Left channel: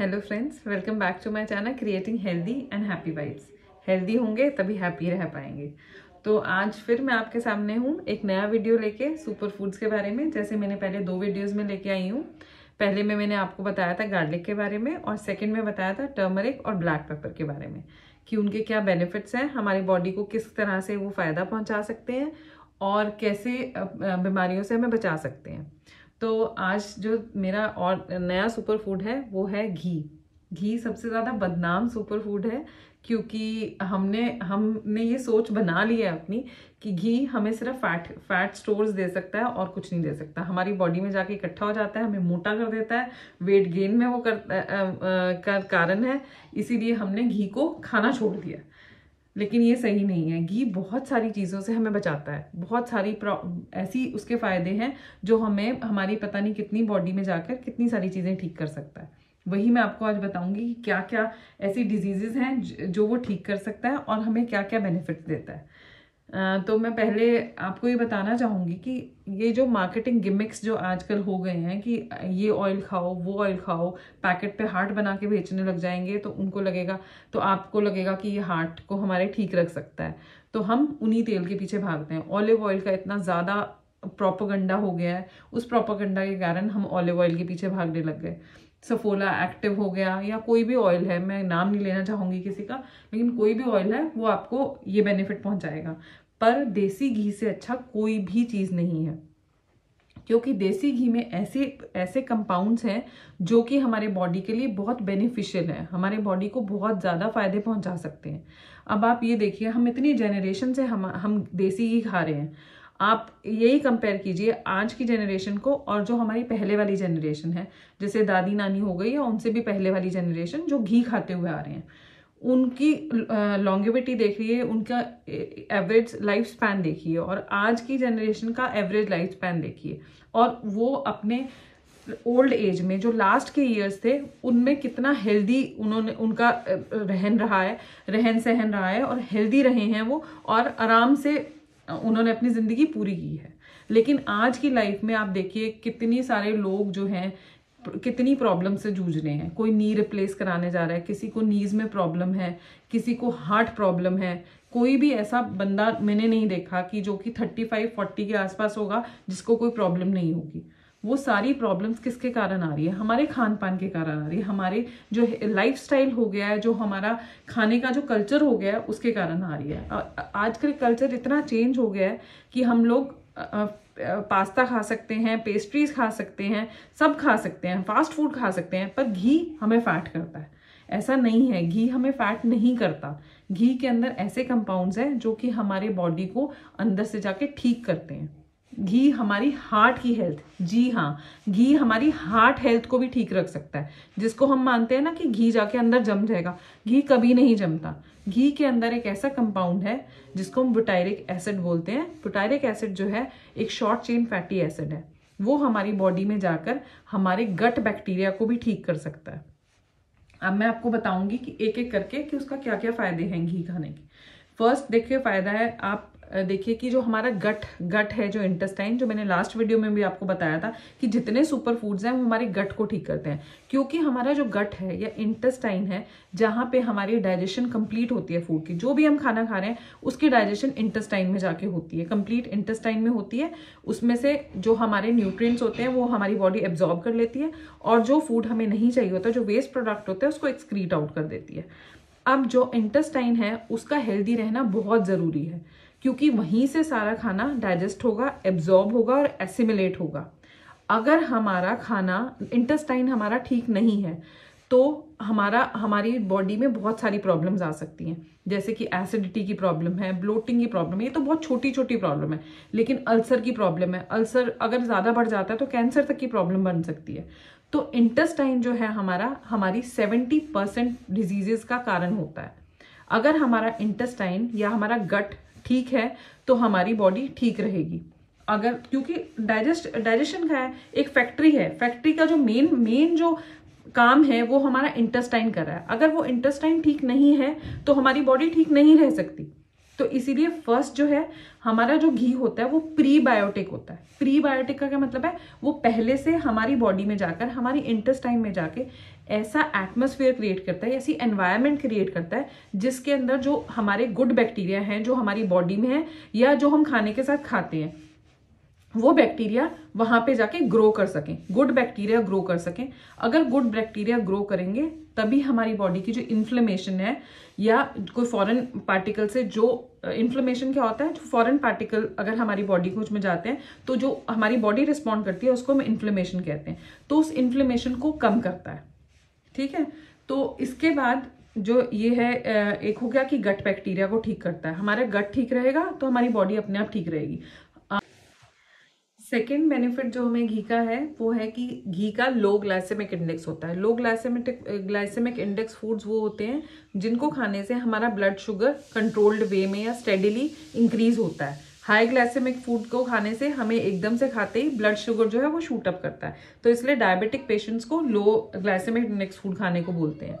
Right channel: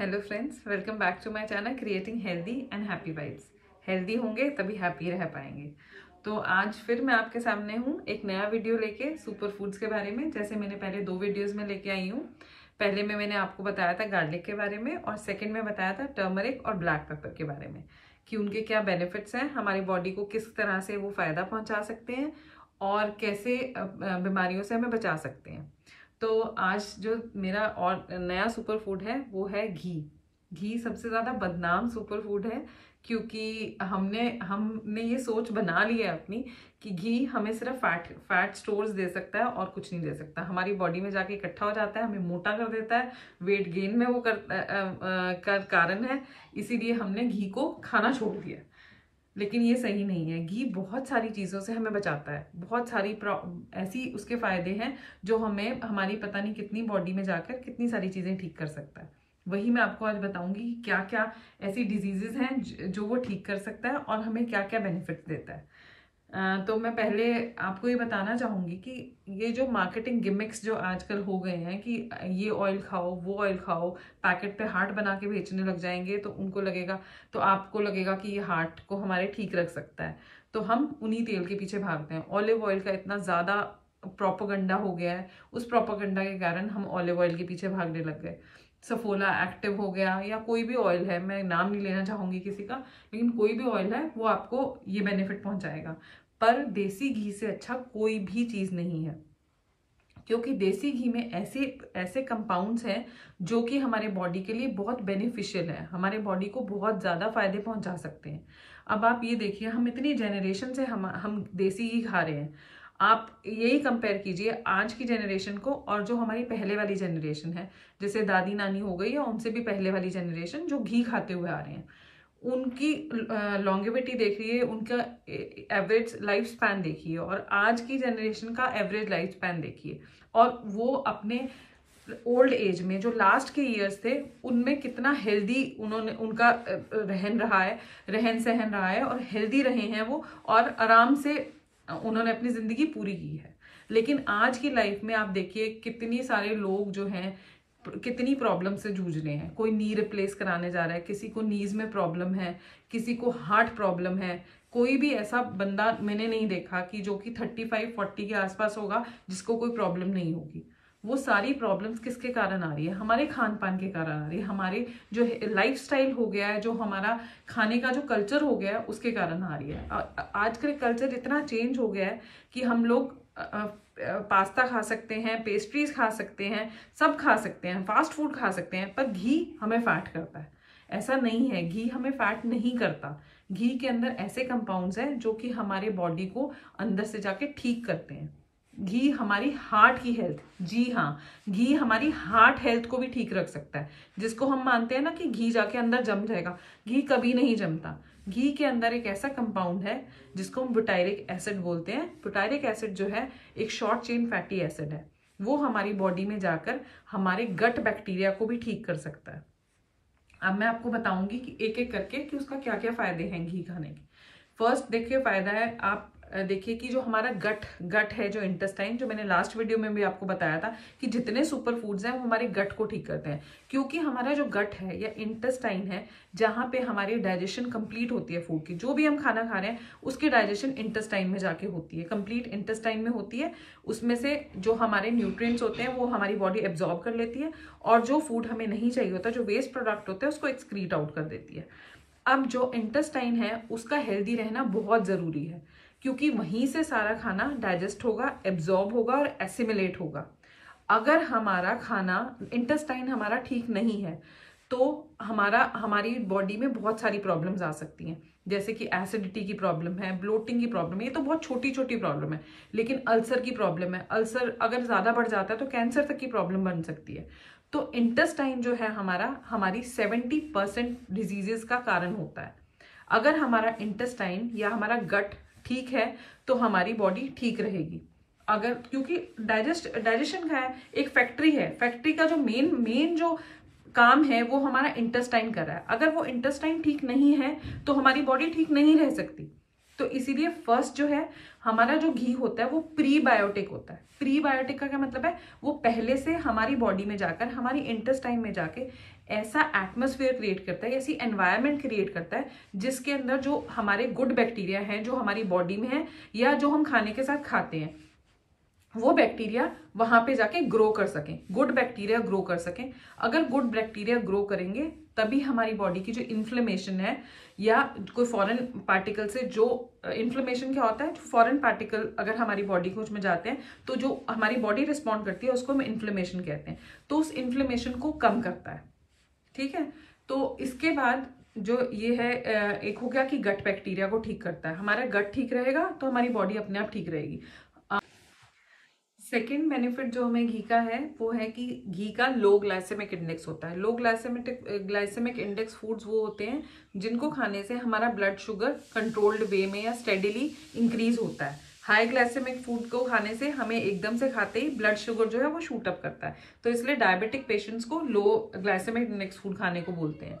Hello friends, welcome back to my channel creating healthy and happy vibes. Healthy होंगे तभी happy रह पाएंगे। तो आज फिर मैं आपके सामने हूँ एक नया वीडियो लेके सुपर फूड्स के बारे में। जैसे मैंने पहले 2 वीडियोस में लेके आई हूँ। पहले में मैंने आपको बताया था गार्लिक के बारे में और सेकेंड में बताया था टर्मरिक और ब्लैक पेपर के बारे में कि उनके क्या बेनिफिट्स हैं, हमारी बॉडी को किस तरह से वो फायदा पहुंचा सकते हैं और कैसे बीमारियों से हमें बचा सकते हैं। तो आज जो मेरा और नया सुपर फूड है वो है घी। घी सबसे ज्यादा बदनाम सुपर फूड है क्योंकि हमने ये सोच बना ली है अपनी कि घी हमें सिर्फ फैट स्टोर्स दे सकता है और कुछ नहीं दे सकता। हमारी बॉडी में जाके इकट्ठा हो जाता है, हमें मोटा कर देता है, वेट गेन में वो कारण है। इसीलिए हमने घी को खाना छोड़ दिया, लेकिन ये सही नहीं है। घी बहुत सारी चीजों से हमें बचाता है, बहुत सारी ऐसी उसके फायदे हैं जो हमें हमारी पता नहीं कितनी बॉडी में जाकर कितनी सारी चीजें ठीक कर सकता है। वही मैं आपको आज बताऊंगी कि क्या क्या ऐसी डिजीजेस हैं जो वो ठीक कर सकता है और हमें क्या क्या बेनिफिट्स देता है। तो मैं पहले आपको ये बताना चाहूंगी कि ये जो मार्केटिंग गिमिक्स जो आजकल हो गए हैं कि ये ऑयल खाओ, वो ऑयल खाओ, पैकेट पे हार्ट बना के बेचने लग जाएंगे तो आपको लगेगा कि ये हार्ट को हमारे ठीक रख सकता है। तो हम उन्हीं तेल के पीछे भागते हैं। ऑलिव ऑयल का इतना ज्यादा प्रोपेगेंडा हो गया है, उस प्रोपेगेंडा के कारण हम ऑलिव ऑयल के पीछे भागने लग गए। सफोला एक्टिव हो गया या कोई भी ऑयल है, मैं नाम नहीं लेना चाहूंगी किसी का, लेकिन कोई भी ऑयल है वो आपको ये बेनिफिट पहुंचाएगा। पर देसी घी से अच्छा कोई भी चीज नहीं है, क्योंकि देसी घी में ऐसे कंपाउंड्स हैं जो कि हमारे बॉडी के लिए बहुत बेनिफिशियल है, हमारे बॉडी को बहुत ज्यादा फायदे पहुंचा सकते हैं। अब आप ये देखिए, हम इतनी जेनरेशन से हम देसी घी खा रहे हैं। आप यही कंपेयर कीजिए आज की जेनरेशन को और जो हमारी पहले वाली जेनरेशन है, जैसे दादी नानी हो गई या उनसे भी पहले वाली जेनरेशन जो घी खाते हुए आ रहे हैं, उनकी लॉन्गेविटी देखिए, उनका एवरेज लाइफ स्पैन देखिए और आज की जनरेशन का एवरेज लाइफ स्पैन देखिए। और वो अपने ओल्ड एज में जो लास्ट के इयर्स थे उनमें कितना हेल्दी उनका रहन सहन रहा है और हेल्दी रहे हैं वो, और आराम से उन्होंने अपनी जिंदगी पूरी की है। लेकिन आज की लाइफ में आप देखिए कितने सारे लोग जो हैं कितनी प्रॉब्लम से जूझ रहे हैं। कोई नी रिप्लेस कराने जा रहा है, किसी को नीज में प्रॉब्लम है, किसी को हार्ट प्रॉब्लम है। कोई भी ऐसा बंदा मैंने नहीं देखा कि जो कि 35-40 के आसपास होगा जिसको कोई प्रॉब्लम नहीं होगी। वो सारी प्रॉब्लम्स किसके कारण आ रही है? हमारे खान पान के कारण आ रही है, हमारे जो लाइफस्टाइल हो गया है, जो हमारा खाने का जो कल्चर हो गया है उसके कारण आ रही है। आजकल कल्चर इतना चेंज हो गया है कि हम लोग पास्ता खा सकते हैं, पेस्ट्रीज खा सकते हैं, सब खा सकते हैं, फास्ट फूड खा सकते हैं, पर घी हमें फैट करता है। ऐसा नहीं है, घी हमें फैट नहीं करता। घी के अंदर ऐसे कंपाउंड्स हैं जो कि हमारे बॉडी को अंदर से जाके ठीक करते हैं। घी हमारी हार्ट की हेल्थ, जी हाँ, घी हमारी हार्ट हेल्थ को भी ठीक रख सकता है। जिसको हम मानते हैं ना कि घी जाके अंदर जम जाएगा, घी कभी नहीं जमता। घी के अंदर एक ऐसा कंपाउंड है जिसको हम बुटायरिक एसिड बोलते हैं। बुटायरिक एसिड जो है एक शॉर्ट चेन फैटी एसिड है, वो हमारी बॉडी में जाकर हमारे गट बैक्टीरिया को भी ठीक कर सकता है। अब मैं आपको बताऊंगी कि एक एक करके कि उसका क्या क्या फायदे हैं घी खाने के। फर्स्ट देखिए फायदा है, आप देखिए कि जो हमारा गट है, जो इंटेस्टाइन, जो मैंने लास्ट वीडियो में भी आपको बताया था कि जितने सुपर फूड्स हैं वो हमारे गट को ठीक करते हैं। क्योंकि हमारा जो गट है या इंटेस्टाइन है, जहां पे हमारी डाइजेशन कंप्लीट होती है फूड की, जो भी हम खाना खा रहे हैं उसकी डाइजेशन इंटेस्टाइन में जाके होती है, कंप्लीट इंटेस्टाइन में होती है। उसमें से जो हमारे न्यूट्रिएंट्स होते हैं वो हमारी बॉडी एब्जॉर्ब कर लेती है और जो फूड हमें नहीं चाहिए होता, जो वेस्ट प्रोडक्ट होता है, उसको एक्सक्रीट आउट कर देती है। अब जो इंटेस्टाइन है उसका हेल्दी रहना बहुत जरूरी है, क्योंकि वहीं से सारा खाना डाइजेस्ट होगा, एब्जॉर्ब होगा और एसिमिलेट होगा। अगर हमारा खाना इंटेस्टाइन हमारा ठीक नहीं है तो हमारी बॉडी में बहुत सारी प्रॉब्लम्स आ सकती हैं, जैसे कि एसिडिटी की प्रॉब्लम है, ब्लोटिंग की प्रॉब्लम है। ये तो बहुत छोटी छोटी प्रॉब्लम है, लेकिन अल्सर की प्रॉब्लम है। अल्सर अगर ज्यादा बढ़ जाता है तो कैंसर तक की प्रॉब्लम बन सकती है। तो इंटेस्टाइन जो है हमारी 70% डिजीजेस का कारण होता है। अगर हमारा इंटेस्टाइन या हमारा गट ठीक है तो हमारी बॉडी ठीक रहेगी। अगर क्योंकि डाइजेशन का है, एक फैक्ट्री है, फैक्ट्री का जो मेन जो काम है वो हमारा इंटेस्टाइन कर रहा है। अगर वो इंटेस्टाइन ठीक नहीं है तो हमारी बॉडी ठीक नहीं रह सकती। तो इसीलिए फर्स्ट जो है हमारा जो घी होता है वो प्रीबायोटिक होता है। प्रीबायोटिक का क्या मतलब है, वो पहले से हमारी बॉडी में जाकर, हमारी इंटेस्टाइन में जाके ऐसा एटमॉस्फेयर क्रिएट करता है, ऐसी एनवायरनमेंट क्रिएट करता है जिसके अंदर जो हमारे गुड बैक्टीरिया हैं जो हमारी बॉडी में है या जो हम खाने के साथ खाते हैं, वो बैक्टीरिया वहां पे जाके ग्रो कर सकें, गुड बैक्टीरिया ग्रो कर सकें। अगर गुड बैक्टीरिया ग्रो करेंगे तभी हमारी बॉडी की जो इन्फ्लेमेशन है या कोई फॉरेन पार्टिकल से, जो इन्फ्लेमेशन क्या होता है, जो फॉरेन पार्टिकल अगर हमारी बॉडी को में जाते हैं तो जो हमारी बॉडी रिस्पॉन्ड करती है उसको हम इन्फ्लेमेशन कहते हैं, तो उस इन्फ्लेमेशन को कम करता है। ठीक है, तो इसके बाद जो ये है, एक हो गया कि गट बैक्टीरिया को ठीक करता है। हमारा गट ठीक रहेगा तो हमारी बॉडी अपने आप ठीक रहेगी। सेकेंड बेनिफिट जो हमें घी का है वो है कि घी का लो ग्लाइसेमिक इंडेक्स होता है। लो ग्लाइसेमिक इंडेक्स फूड्स वो होते हैं जिनको खाने से हमारा ब्लड शुगर कंट्रोल्ड वे में या स्टेडिली इंक्रीज होता है। हाई ग्लाइसेमिक फूड को खाने से हमें एकदम से खाते ही ब्लड शुगर जो है वो शूट अप करता है, तो इसलिए डायबिटिक पेशेंट्स को लो ग्लाइसेमिक इंडेक्स फूड खाने को बोलते हैं।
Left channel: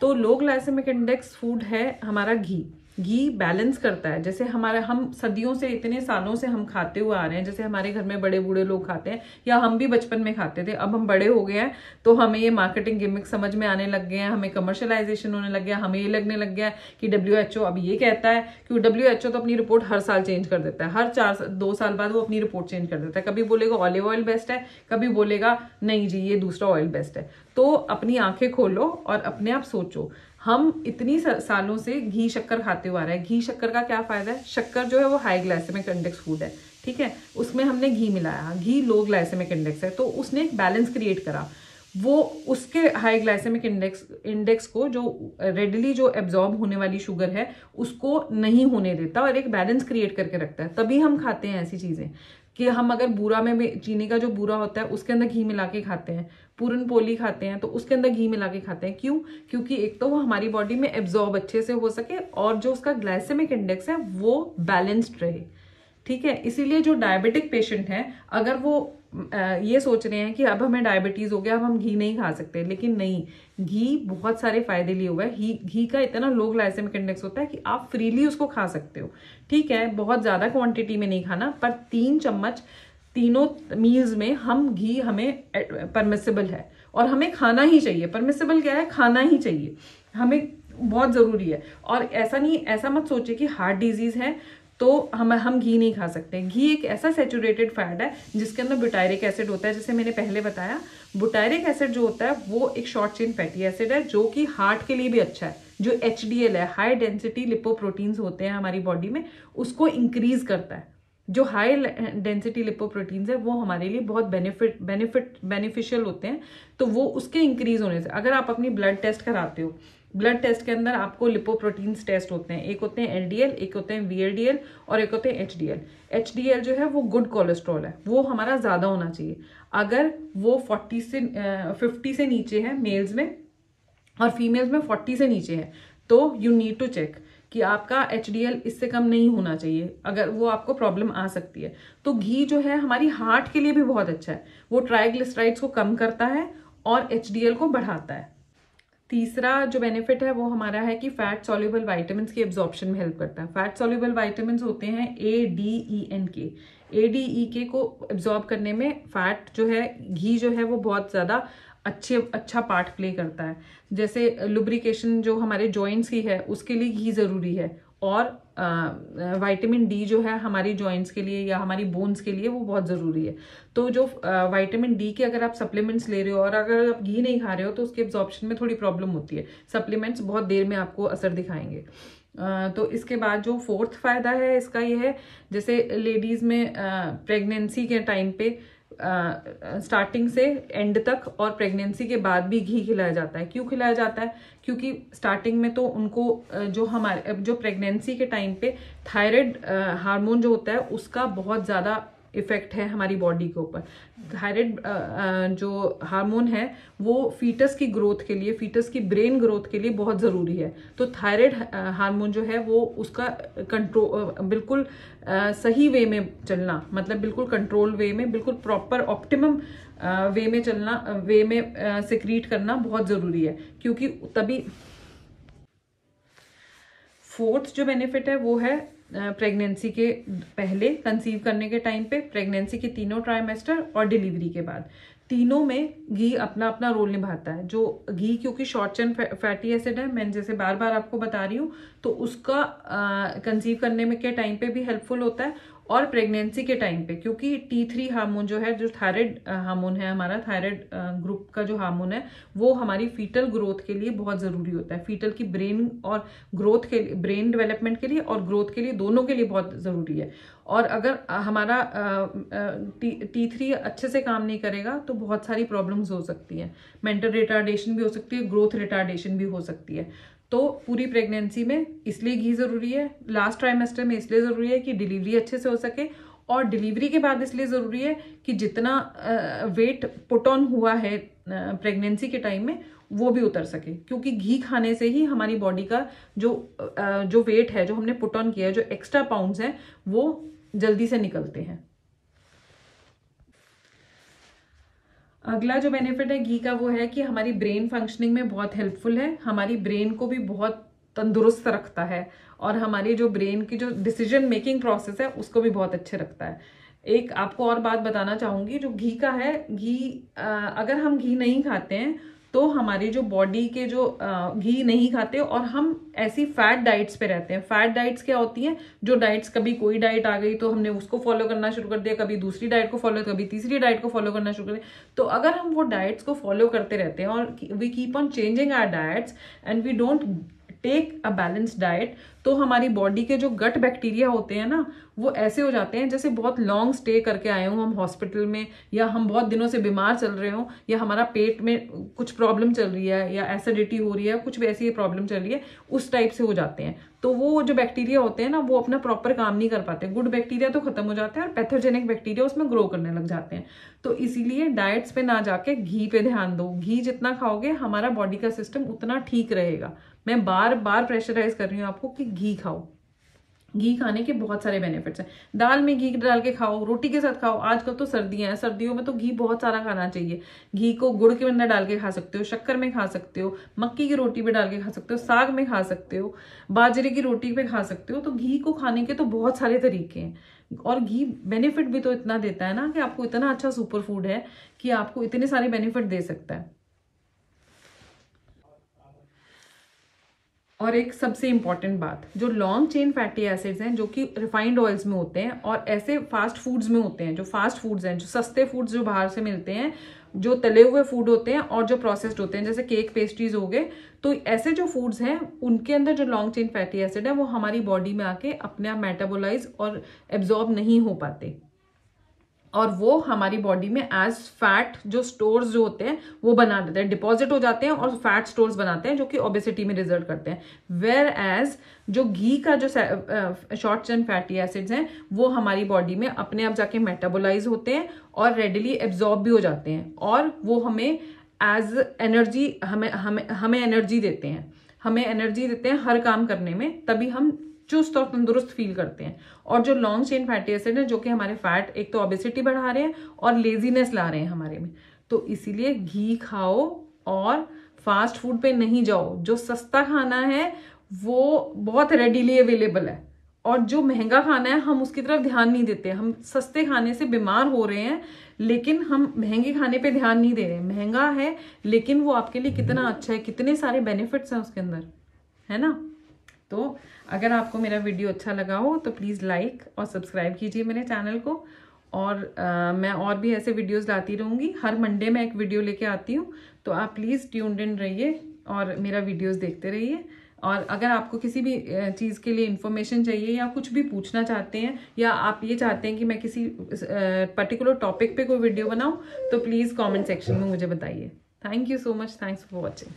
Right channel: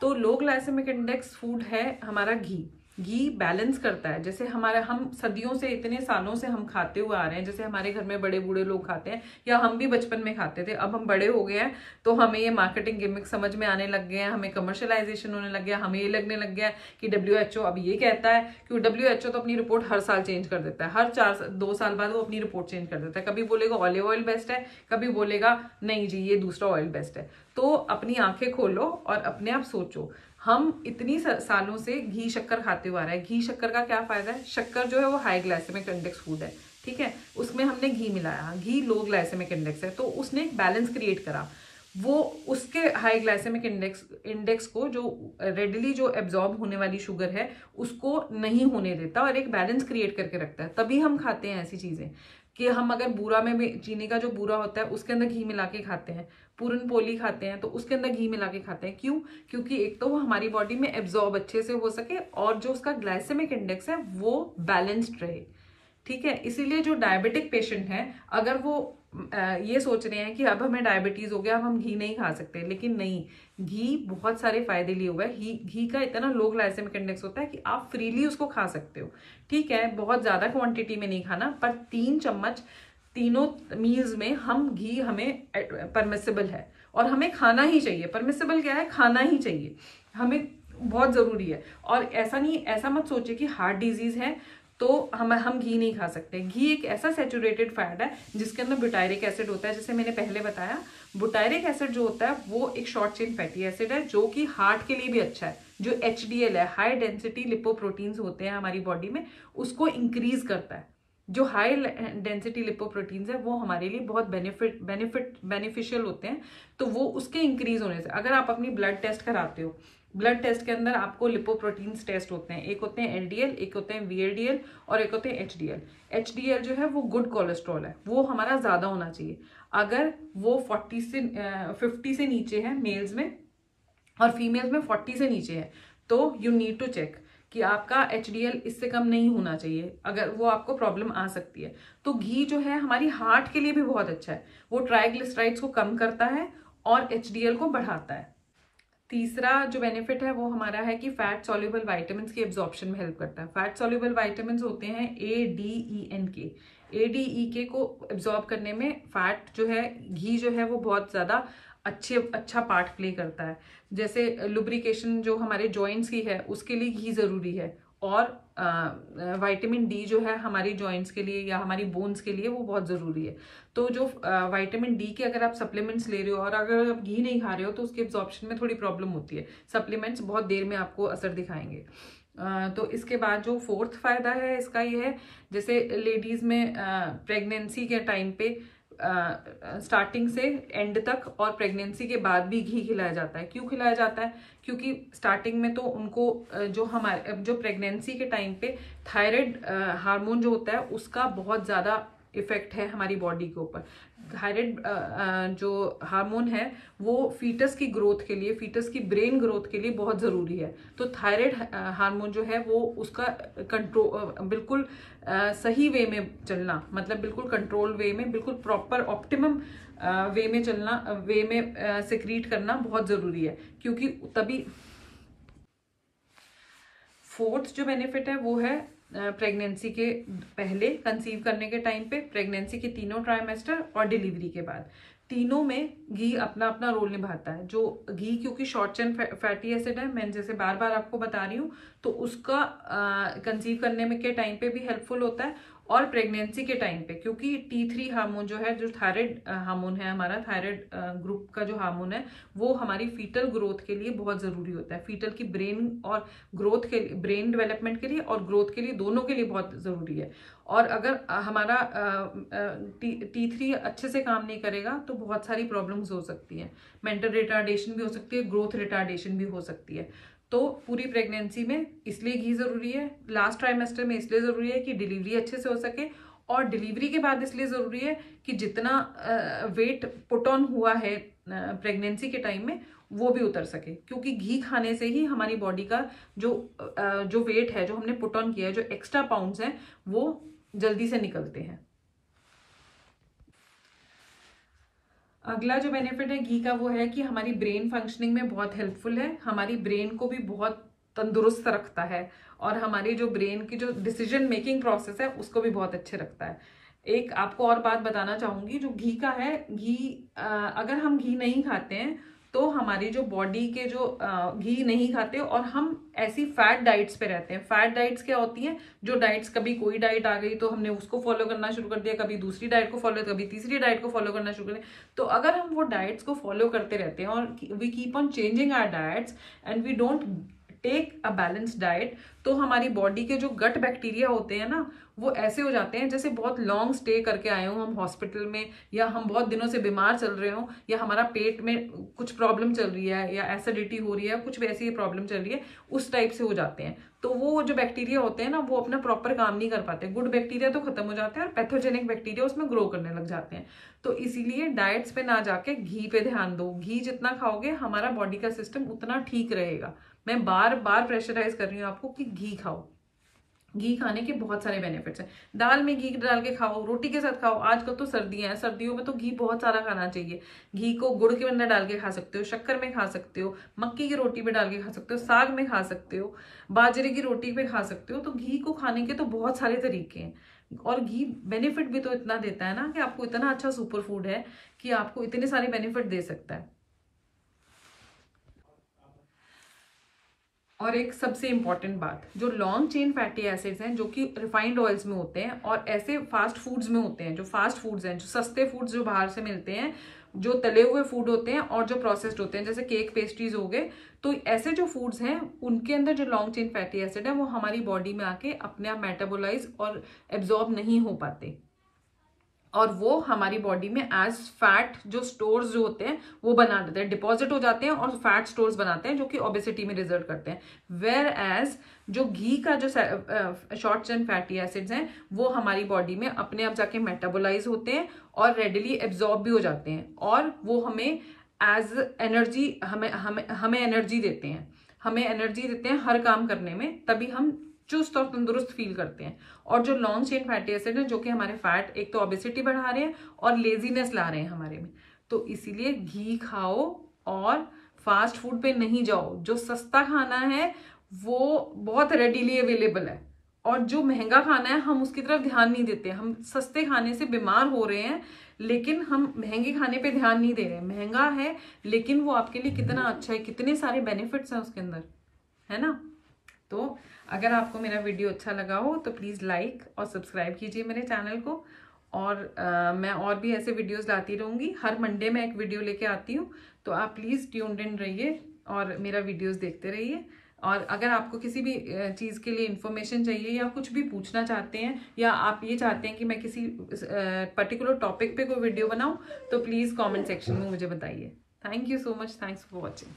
तो लो ग्लाइसेमिक इंडेक्स फूड है हमारा घी। घी बैलेंस करता है, जैसे हम सदियों से, इतने सालों से हम खाते हुए आ रहे हैं, जैसे हमारे घर में बड़े बूढ़े लोग खाते हैं या हम भी बचपन में खाते थे। अब हम बड़े हो गए हैं तो हमें ये मार्केटिंग गिमिक समझ में आने लग गए हैं, हमें कमर्शियलाइजेशन होने लग गया, हमें ये लगने लग गया कि WHO अब ये कहता है कि WHO तो अपनी रिपोर्ट हर साल चेंज कर देता है, हर 2 साल बाद वो अपनी रिपोर्ट चेंज कर देता है। कभी बोलेगा ऑलिव ऑयल बेस्ट है, कभी बोलेगा नहीं जी ये दूसरा ऑयल बेस्ट है। तो अपनी आंखें खोलो और अपने आप सोचो, हम इतनी सालों से घी शक्कर खाते हुए आ रहे हैं। घी शक्कर का क्या फायदा है, शक्कर जो है वो हाई ग्लाइसेमिक इंडेक्स फूड है, ठीक है, उसमें हमने घी मिलाया, घी लो ग्लाइसेमिक इंडेक्स है, तो उसने एक बैलेंस क्रिएट करा। वो उसके हाई ग्लाइसेमिक इंडेक्स को जो रेडिली जो एब्जॉर्ब होने वाली शुगर है उसको नहीं होने देता और एक बैलेंस क्रिएट करके रखता है। तभी हम खाते हैं ऐसी चीजें कि हम अगर बूरा में चीनी का जो बूरा होता है उसके अंदर घी मिला के खाते हैं, पूरन पोली खाते हैं तो उसके अंदर घी मिला के खाते हैं। क्यों? क्योंकि एक तो वो हमारी बॉडी में एब्जॉर्ब अच्छे से हो सके और जो उसका ग्लाइसेमिक इंडेक्स है वो बैलेंस्ड रहे। ठीक है, इसीलिए जो डायबिटिक पेशेंट है अगर वो ये सोच रहे हैं कि अब हमें डायबिटीज हो गया, अब हम घी नहीं खा सकते, लेकिन नहीं, घी बहुत सारे फायदे लिए हुआ है। घी का इतना लो ग्लाइसेमिक इंडेक्स होता है कि आप फ्रीली उसको खा सकते हो। ठीक है, बहुत ज्यादा क्वांटिटी में नहीं खाना, पर 3 चम्मच तीनों मील्स में हम घी हमें परमिसेबल है और हमें खाना ही चाहिए। परमिसेबल क्या है, खाना ही चाहिए, हमें बहुत जरूरी है। और ऐसा नहीं, ऐसा मत सोचिए कि हार्ट डिजीज है तो हम घी नहीं खा सकते। घी एक ऐसा सैचुरेटेड फैट है जिसके अंदर ब्यूटायरिक एसिड होता है। जैसे मैंने पहले बताया, ब्यूटायरिक एसिड जो होता है वो एक शॉर्ट चेन फैटी एसिड है जो कि हार्ट के लिए भी अच्छा है। जो HDL है, हाई डेंसिटी लिपोप्रोटीन्स होते हैं हमारी बॉडी में, उसको इंक्रीज करता है। जो हाई डेंसिटी लिपोप्रोटीन्स है वो हमारे लिए बहुत बेनिफिशियल होते हैं, तो वो उसके इंक्रीज होने से, अगर आप अपनी ब्लड टेस्ट कराते हो, ब्लड टेस्ट के अंदर आपको लिपोप्रोटीन्स टेस्ट होते हैं, एक होते हैं LDL, एक होते हैं VLDL और एक होते हैं HDL। HDL जो है वो गुड कोलेस्ट्रॉल है, वो हमारा ज्यादा होना चाहिए। अगर वो 50 से नीचे है मेल्स में और फीमेल्स में 40 से नीचे है तो यू नीड टू चेक कि आपका HDL इससे कम नहीं होना चाहिए, अगर वो आपको प्रॉब्लम आ सकती है। तो घी जो है हमारी हार्ट के लिए भी बहुत अच्छा है, वो ट्राइग्लिसराइड्स को कम करता है और HDL को बढ़ाता है। तीसरा जो बेनिफिट है वो हमारा है कि फैट सॉल्युबल विटामिन्स की एब्जॉर्प्शन में हेल्प करता है। फैट सॉल्युबल विटामिन्स होते हैं ADENK। ADEK को एब्जॉर्ब करने में फैट जो है, घी जो है वो बहुत ज्यादा अच्छा पार्ट प्ले करता है। जैसे लुब्रिकेशन जो हमारे जॉइंट्स की है उसके लिए घी जरूरी है, और विटामिन D जो है हमारी जॉइंट्स के लिए या हमारी बोन्स के लिए वो बहुत जरूरी है। तो जो विटामिन D के अगर आप सप्लीमेंट्स ले रहे हो और अगर आप घी नहीं खा रहे हो तो उसके एब्जॉर्प्शन में थोड़ी प्रॉब्लम होती है। सप्लीमेंट्स बहुत देर में आपको असर दिखाएंगे। तो इसके बाद जो 4th फायदा है इसका ये है, जैसे लेडीज में प्रेगनेंसी के टाइम पे स्टार्टिंग से एंड तक और प्रेगनेंसी के बाद भी घी खिलाया जाता है। क्यों खिलाया जाता है? क्योंकि स्टार्टिंग में तो उनको जो प्रेगनेंसी के टाइम पे थायराइड हार्मोन जो होता है उसका बहुत ज्यादा इफेक्ट है हमारी बॉडी के ऊपर। थायराइड जो हार्मोन है वो फीटस की ग्रोथ के लिए, फीटस की ब्रेन ग्रोथ के लिए बहुत जरूरी है। तो थायराइड हार्मोन जो है वो उसका कंट्रोल, बिल्कुल सही वे में चलना, मतलब बिल्कुल कंट्रोल वे में, बिल्कुल प्रॉपर ऑप्टिमम वे में चलना, वे में सिक्रीट करना बहुत जरूरी है, क्योंकि तभी 4th जो बेनिफिट है वो है प्रेगनेंसी के पहले, कंसीव करने के टाइम पे, प्रेगनेंसी के तीनों ट्राइमेस्टर और डिलीवरी के बाद, तीनों में घी अपना अपना रोल निभाता है। जो घी क्योंकि शॉर्ट चेन फैटी एसिड है, मैं जैसे बार बार आपको बता रही हूँ, तो उसका कंसीव करने में के टाइम पे भी हेल्पफुल होता है, और प्रेगनेंसी के टाइम पे क्योंकि T3 हार्मोन जो है, जो थायराइड हार्मोन है हमारा, थायराइड ग्रुप का जो हार्मोन है, वो हमारी फीटल ग्रोथ के लिए बहुत जरूरी होता है। फीटल की ब्रेन और ग्रोथ के लिए, ब्रेन डेवलपमेंट के लिए और ग्रोथ के लिए, दोनों के लिए बहुत जरूरी है। और अगर हमारा T3 अच्छे से काम नहीं करेगा तो बहुत सारी प्रॉब्लम्स हो सकती है। मेंटल रिटार्डेशन भी हो सकती है, ग्रोथ रिटार्डेशन भी हो सकती है। तो पूरी प्रेगनेंसी में इसलिए घी जरूरी है, लास्ट ट्राइमेस्टर में इसलिए जरूरी है कि डिलीवरी अच्छे से हो सके, और डिलीवरी के बाद इसलिए जरूरी है कि जितना वेट पुट ऑन हुआ है प्रेगनेंसी के टाइम में वो भी उतर सके, क्योंकि घी खाने से ही हमारी बॉडी का जो वेट है, जो हमने पुट ऑन किया है, जो एक्स्ट्रा पाउंड्स हैं, वो जल्दी से निकलते हैं। अगला जो बेनिफिट है घी का वो है कि हमारी ब्रेन फंक्शनिंग में बहुत हेल्पफुल है, हमारी ब्रेन को भी बहुत तंदुरुस्त रखता है, और हमारी जो ब्रेन की जो डिसीजन मेकिंग प्रोसेस है उसको भी बहुत अच्छे रखता है। एक आपको और बात बताना चाहूंगी, जो घी का है, घी अगर हम घी नहीं खाते हैं तो हमारी जो बॉडी के जो घी नहीं खाते और हम ऐसी फैट डाइट्स पे रहते हैं। फैट डाइट्स क्या होती हैं? जो डाइट्स, कभी कोई डाइट आ गई तो हमने उसको फॉलो करना शुरू कर दिया, कभी दूसरी डाइट को फॉलो, कभी तीसरी डाइट को फॉलो करना शुरू कर दिया। तो अगर हम वो डाइट्स को फॉलो करते रहते हैं और we keep on changing our diets and we don't take a balanced diet, तो हमारी बॉडी के जो गट बैक्टीरिया होते हैं ना, वो ऐसे हो जाते हैं जैसे बहुत लॉन्ग स्टे करके आए हों हम हॉस्पिटल में, या हम बहुत दिनों से बीमार चल रहे हों, या हमारा पेट में कुछ प्रॉब्लम चल रही है, या एसिडिटी हो रही है, कुछ भी ऐसी प्रॉब्लम चल रही है, उस टाइप से हो जाते हैं। तो वो जो बैक्टीरिया होते हैं ना, वो अपना प्रॉपर काम नहीं कर पाते। गुड बैक्टीरिया तो खत्म हो जाते हैं और पैथोजेनिक बैक्टीरिया उसमें ग्रो करने लग जाते हैं। तो इसीलिए डाइट्स पे ना जाके घी पे ध्यान दो। घी जितना खाओगे हमारा बॉडी का सिस्टम उतना ठीक रहेगा। मैं बार बार प्रेशराइज कर रही हूँ आपको कि घी खाओ। घी खाने के बहुत सारे बेनिफिट्स हैं। दाल में घी डाल के खाओ, रोटी के साथ खाओ। आजकल तो सर्दियां हैं, सर्दियों में तो घी बहुत सारा खाना चाहिए। घी को गुड़ के अंदर डाल के खा सकते हो, शक्कर में खा सकते हो, मक्की की रोटी पे डाल के खा सकते हो, साग में खा सकते हो, बाजरे की रोटी पे खा सकते हो। तो घी को खाने के तो बहुत सारे तरीके हैं, और घी बेनिफिट भी तो इतना देता है ना, कि आपको इतना अच्छा सुपर फूड है कि आपको इतने सारे बेनिफिट दे सकता है। और एक सबसे इंपॉर्टेंट बात, जो लॉन्ग चेन फैटी एसिड्स हैं, जो कि रिफाइंड ऑयल्स में होते हैं और ऐसे फास्ट फूड्स में होते हैं, जो फास्ट फूड्स हैं, जो सस्ते फूड्स जो बाहर से मिलते हैं, जो तले हुए फूड होते हैं और जो प्रोसेस्ड होते हैं, जैसे केक पेस्ट्रीज हो गए, तो ऐसे जो फूड्स हैं उनके अंदर जो लॉन्ग चेन फैटी एसिड है वो हमारी बॉडी में आके अपने आप मेटाबोलाइज और एब्जॉर्ब नहीं हो पाते, और वो हमारी बॉडी में एज फैट जो स्टोर्स जो होते हैं वो बना देते हैं, डिपॉजिट हो जाते हैं और फैट स्टोर्स बनाते हैं, जो कि ओबेसिटी में रिजल्ट करते हैं। वेयर एज जो घी का जो शॉर्ट चेन फैटी एसिड्स हैं वो हमारी बॉडी में अपने आप जाके मेटाबोलाइज होते हैं और रेडिली एब्जॉर्ब भी हो जाते हैं, और वो हमें एज एनर्जी, हमें एनर्जी देते हैं, हमें एनर्जी देते हैं हर काम करने में, तभी हम चुस्त और तंदुरुस्त फील करते हैं। और जो लॉन्ग चेन फैटी एसिड है, जो कि हमारे फैट, एक तो ओबेसिटी बढ़ा रहे हैं और लेजीनेस ला रहे हैं हमारे में, तो इसीलिए घी खाओ और फास्ट फूड पे नहीं जाओ। जो सस्ता खाना है वो बहुत रेडीली अवेलेबल है, और जो महंगा खाना है हम उसकी तरफ ध्यान नहीं देते। हम सस्ते खाने से बीमार हो रहे हैं, लेकिन हम महंगे खाने पे ध्यान नहीं दे रहे हैं। महंगा है लेकिन वो आपके लिए कितना अच्छा है, कितने सारे बेनिफिट्स हैं उसके अंदर, है ना। तो अगर आपको मेरा वीडियो अच्छा लगा हो तो प्लीज़ लाइक और सब्सक्राइब कीजिए मेरे चैनल को, और मैं और भी ऐसे वीडियोस लाती रहूँगी। हर मंडे में एक वीडियो लेके आती हूँ, तो आप प्लीज़ ट्यून्ड इन रहिए और मेरा वीडियोस देखते रहिए। और अगर आपको किसी भी चीज़ के लिए इन्फॉर्मेशन चाहिए या कुछ भी पूछना चाहते हैं, या आप ये चाहते हैं कि मैं किसी पर्टिकुलर टॉपिक पे कोई वीडियो बनाऊँ, तो प्लीज़ कॉमेंट सेक्शन में मुझे बताइए। Thank you so much, thanks for watching.